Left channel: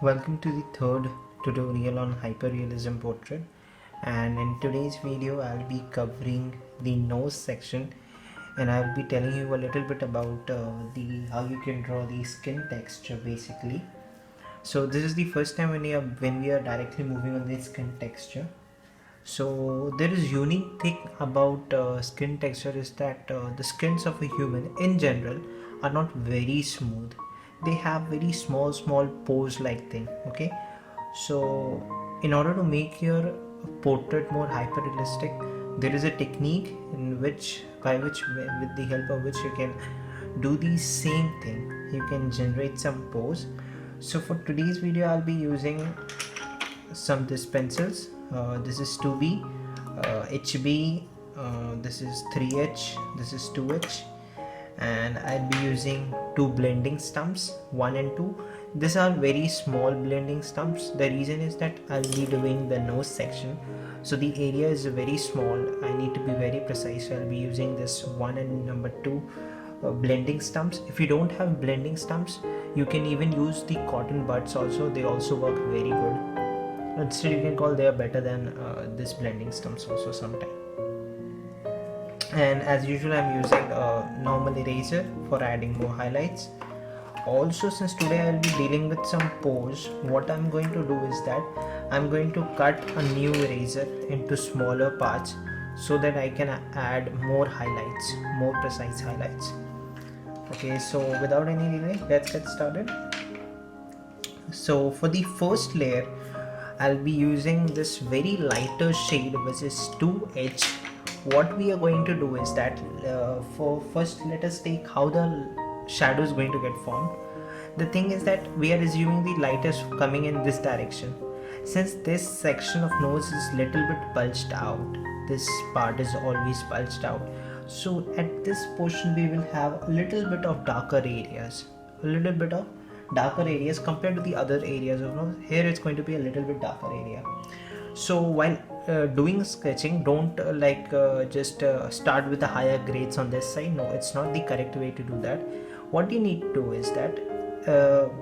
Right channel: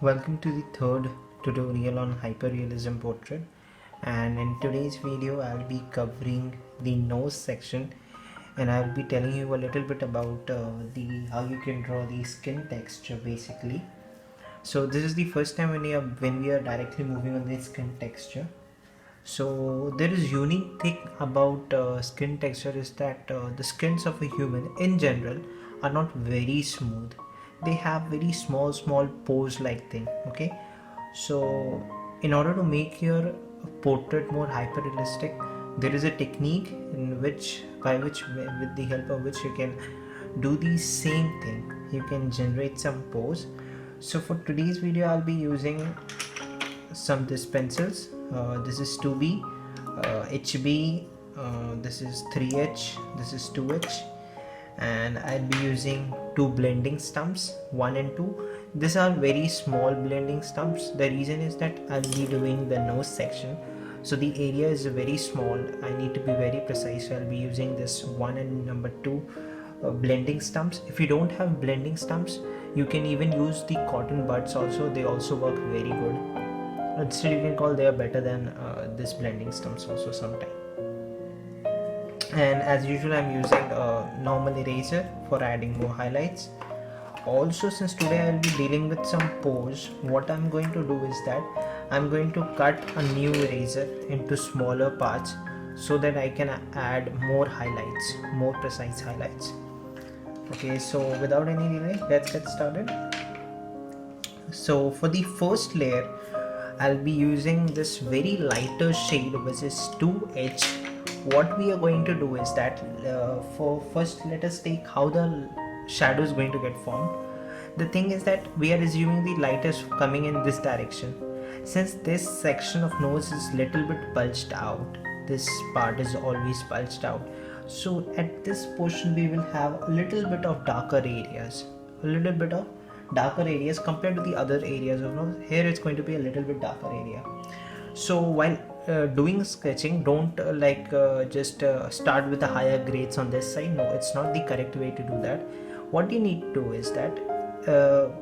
Welcome to the third tutorial on hyperrealism portrait, and in today's video I'll be covering the nose section, and I'll be telling you a little bit about the how you can draw the skin texture basically. So this is the first time when we are directly moving on the skin texture. So there is unique thing about skin texture is that the skins of a human in general are not very smooth. They have very small pores like thing. Okay, so in order to make your portrait more hyper realistic, there is a technique in which by which with the help of which you can do the same thing. You can generate some pores. So for today's video I'll be using some this pencils. This is 2B, HB, this is 3H, this is 2H, and I'll be using two blending stumps, 1 and 2. These are very small blending stumps. The reason is that I'll be doing the nose section, so the area is very small. I need to be very precise, so I'll be using this 1 and number 2 blending stumps. If you don't have blending stumps, you can even use the cotton buds also. They also work very good. Instead you can call they are better than this blending stumps also sometime. And as usual I'm using a normal eraser for adding more highlights. Also, since today I'll be dealing with some pores, what I'm going to do is that I'm going to cut a new eraser into smaller parts so that I can add more highlights, more precise highlights. Okay, so without any delay, let's get started. So for the first layer I'll be using this very lighter shade which is 2H. What we are going to do is that for first let us take how the shadow is going to get formed. The thing is that we are assuming the light is coming in this direction. Since this section of nose is little bit bulged out, this part is always bulged out, so at this portion we will have a little bit of darker areas, compared to the other areas of nose. Here it's going to be a little bit darker area. So while doing sketching, don't just start with the higher grades on this side. No, it's not the correct way to do that. What you need to do is that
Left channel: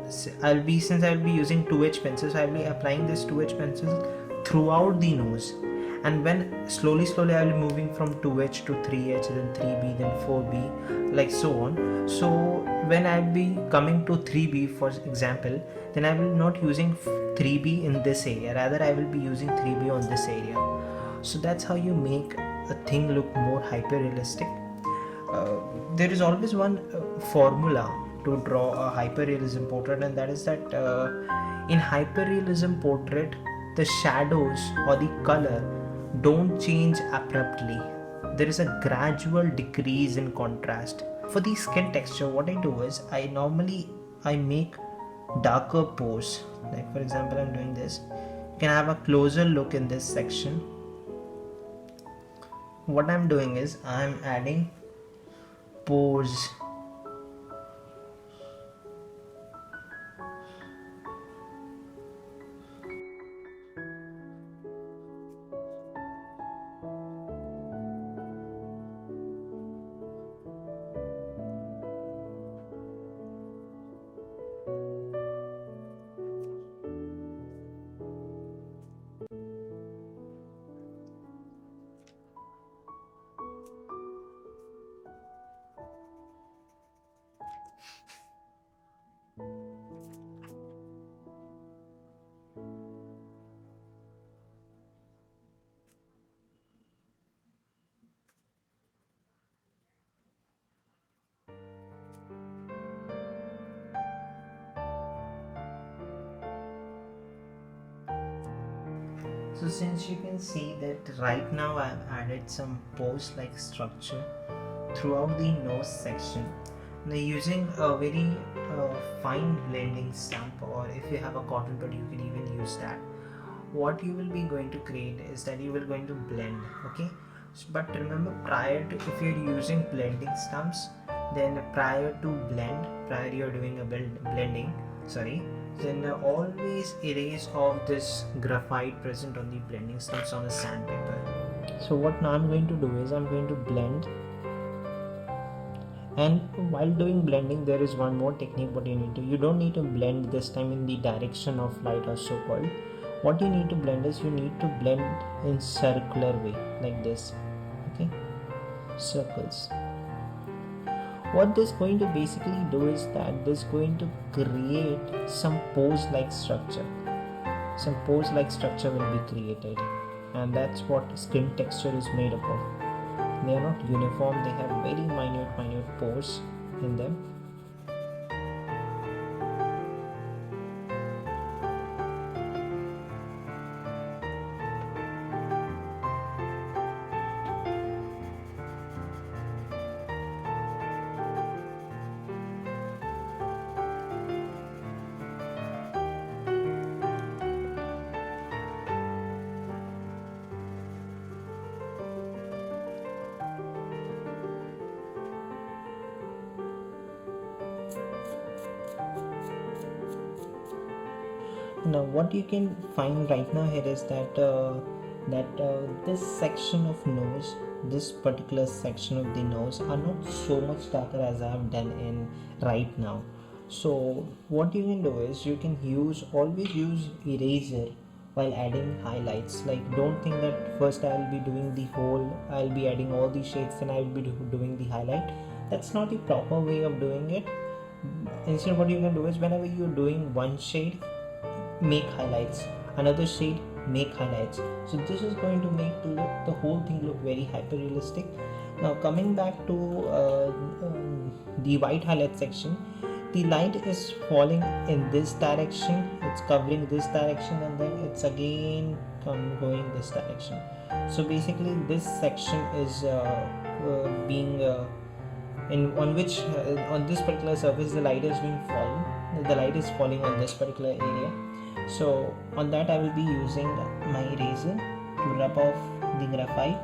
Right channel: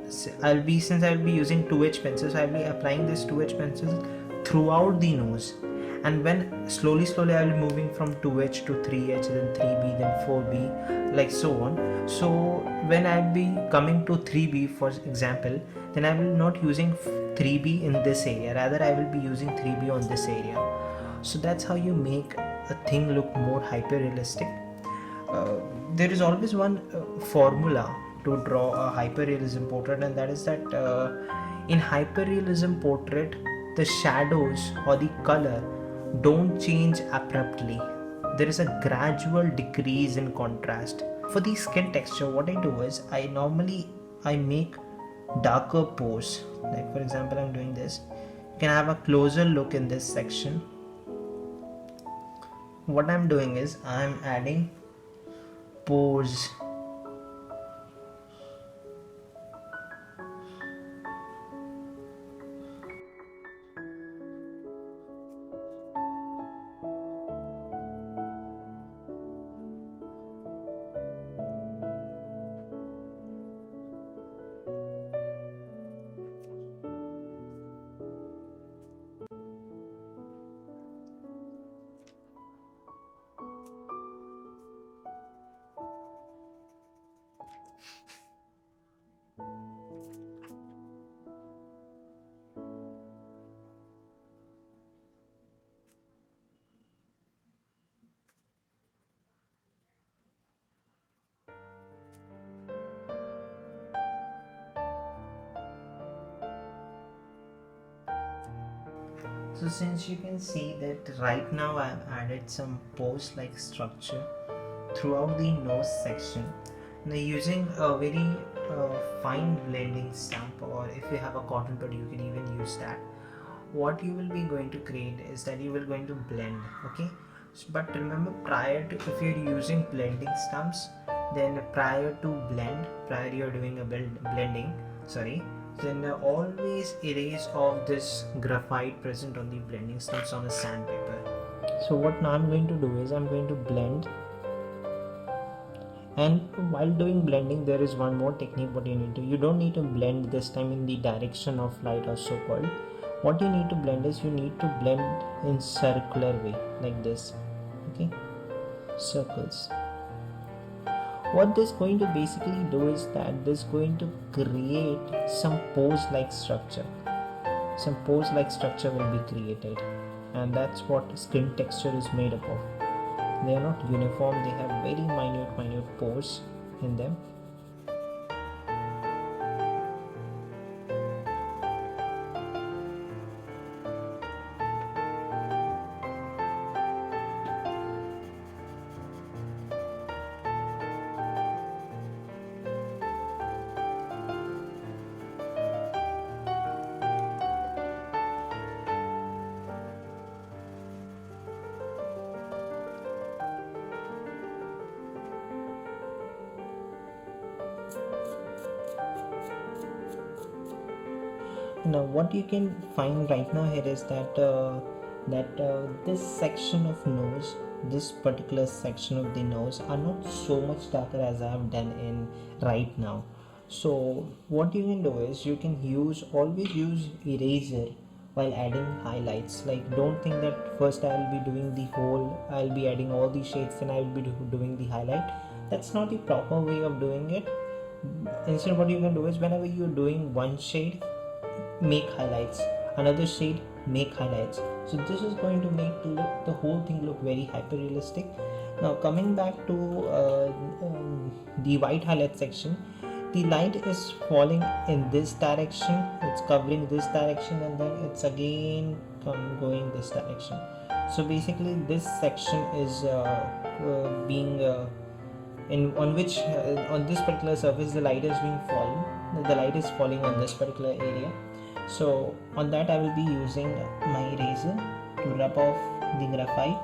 since I'll be using 2H pencils, I'll be applying this 2H pencils throughout the nose, and when slowly I'll be moving from 2H to 3H, then 3B, then 4B, like so on. So when I'll be coming to 3B for example, then I will not using 3B in this area, rather I will be using 3B on this area. So that's how you make a thing look more hyper realistic. There is always one formula to draw a hyperrealism portrait, and that is that in hyperrealism portrait the shadows or the color don't change abruptly. There is a gradual decrease in contrast. For the skin texture, what I do is I make darker pores. Like for example, I'm doing this. You can have a closer look in this section. What I'm doing is I'm adding pores. So since you can see that right now I have added some pose-like structure throughout the nose section. Now using a very fine blending stamp, or if you have a cotton bud you can even use that. What you will be going to create is that you will going to blend, okay? But remember, if you're using blending stamps, then prior you're doing a blending, then always erase off this graphite present on the blending stamps on a sandpaper. So what now I'm going to do is I'm going to blend And while doing blending, there is one more technique what you need to, you don't need to blend this time in the direction of light or so called. What you need to blend is you need to blend in circular way like this. Okay, circles. What this going to basically do is that this going to create some pose like structure. Some pose like structure will be created, and that's what skin texture is made up of. They are not uniform, they have very minute pores in them. Now what you can find right now here is that this section of nose, this particular section of the nose are not so much darker as I have done in right now. So what you can do is you can always use eraser while adding highlights. Like, don't think that first I'll be adding all the shades, then I will be doing the highlight. That's not the proper way of doing it. Instead, what you can do is whenever you're doing one shade, make highlights, another shade, make highlights. So this is going to make the whole thing look very hyper realistic. Now coming back to the white highlight section, the light is falling in this direction, it's covering this direction, and then it's again going this direction. So basically this section is being in on which on this particular surface the light is being fallen, the light is falling on this particular area. So on that I will be using my eraser to rub off the graphite.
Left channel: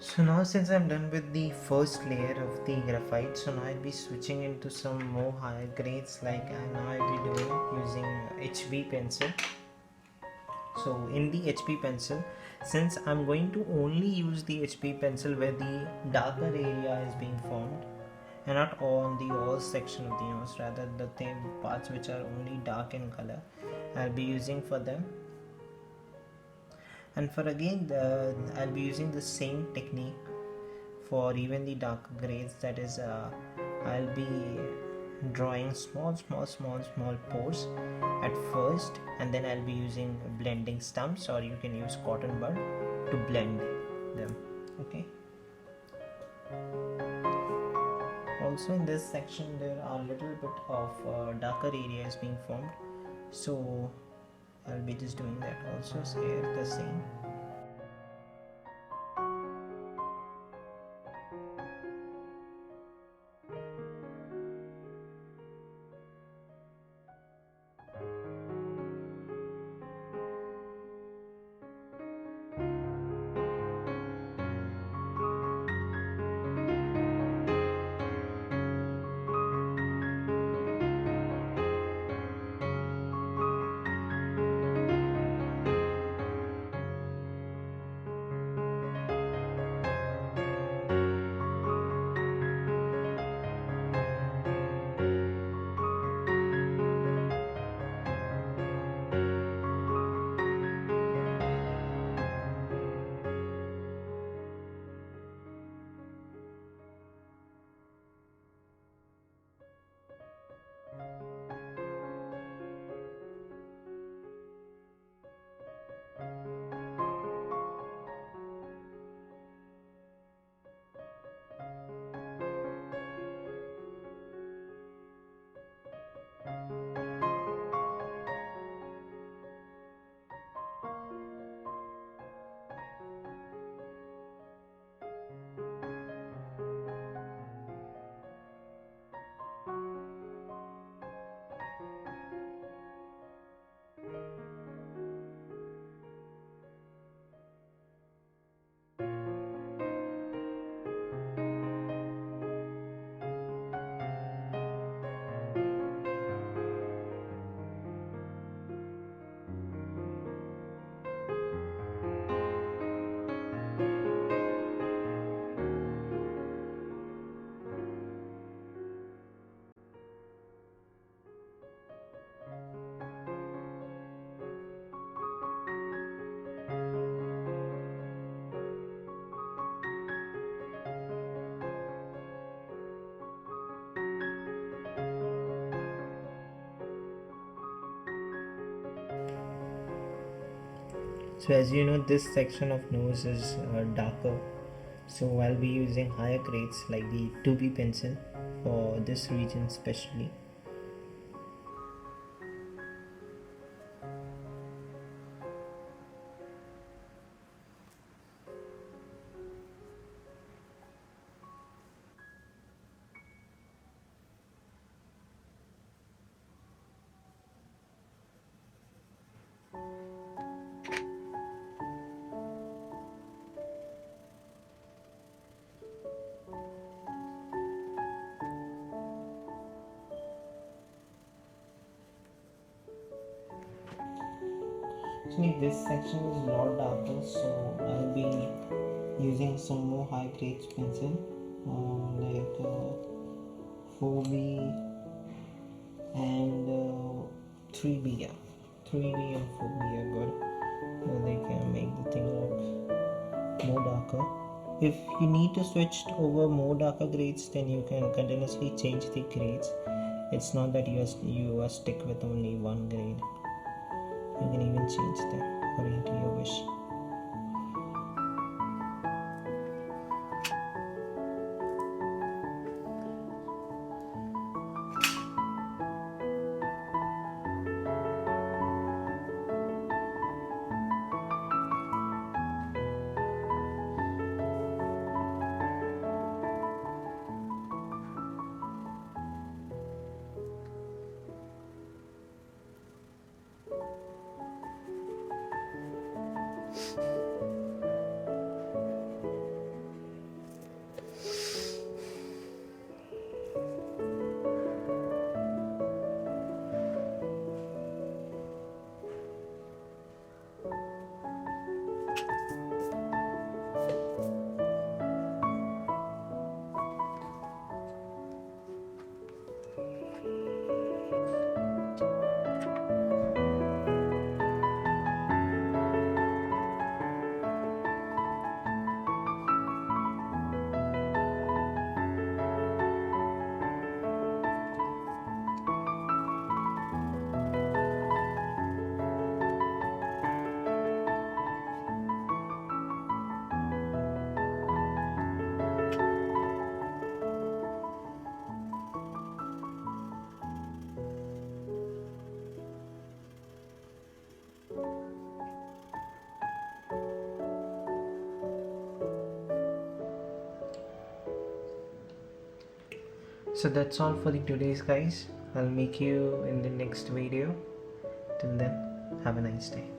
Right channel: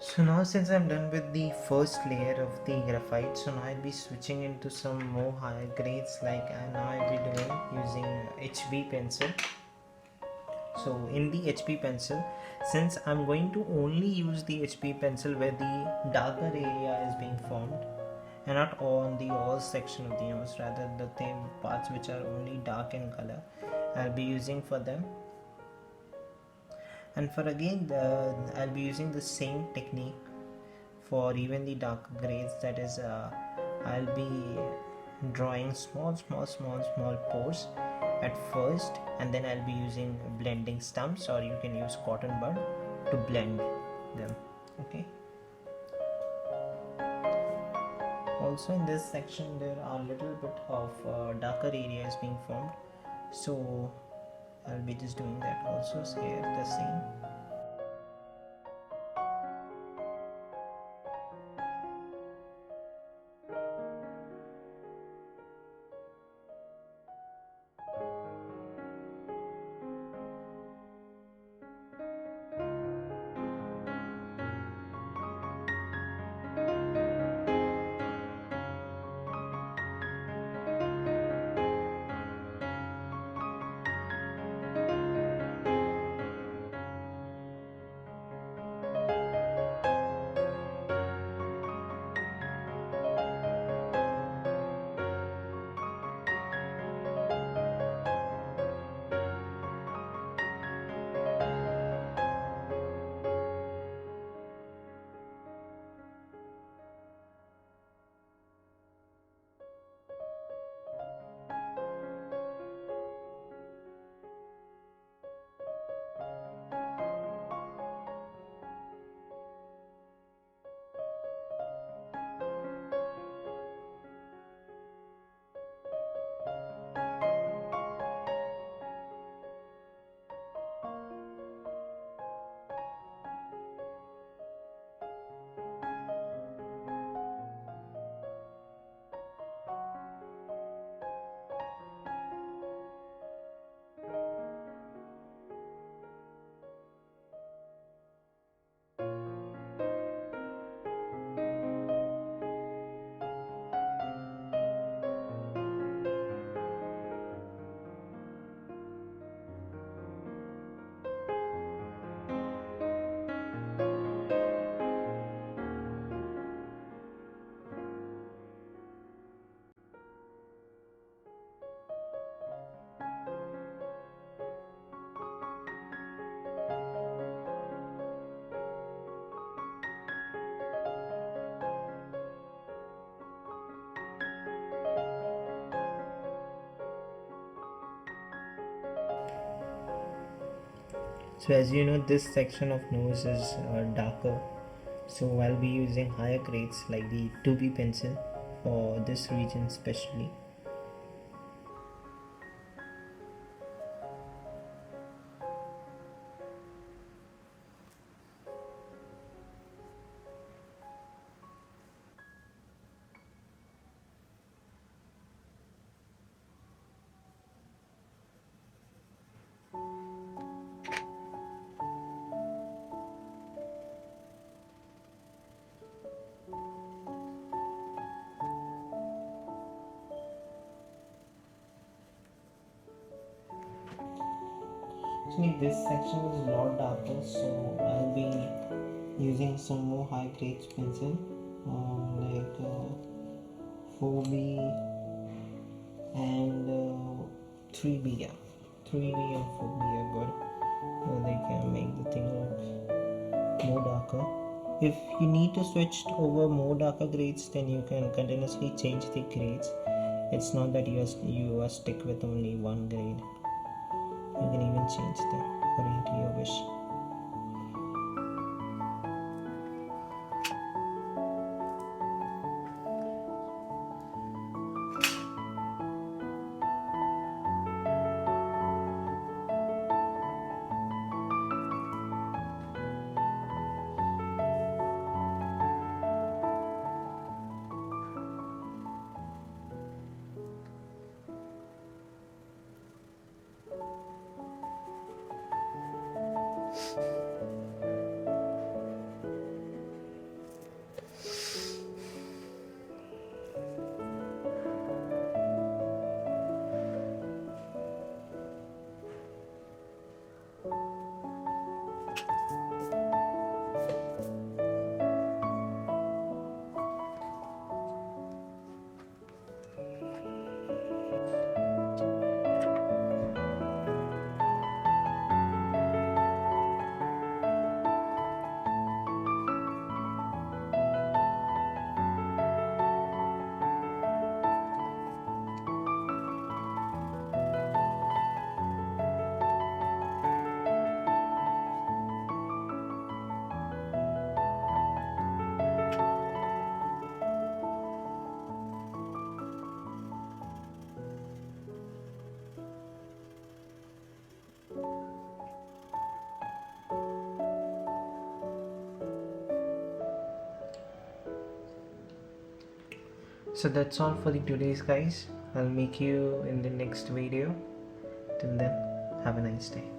So now since I'm done with the first layer of the graphite, so now I'll be switching into some more higher grades, like now I'll be doing using HB pencil. So in the HB pencil, since I'm going to only use the HB pencil where the darker area is being formed and not on the all section of the nose, rather the parts which are only dark in color, I'll be using for them. And for again I'll be using the same technique for even the dark grades, that is I'll be drawing small pores at first, and then I'll be using blending stumps, or you can use cotton bud to blend them. Okay, also in this section there are a little bit of darker areas being formed, so I'll be just doing that also here the same. So as you know, this section of nose is darker, so I'll be using higher grades like the 2B pencil for this region especially. Actually, this section is a lot darker, so I'll be using some more high grade pencil, like 4B and 3B. Yeah, 3B and 4B are good. They can make the thing look more darker. If you need to switch over more darker grades, then you can continuously change the grades. It's not that you are stuck with only one grade. You can even change them according to your wish. So that's all for the today's guys. I'll make you in the next video. Till then, have a nice day.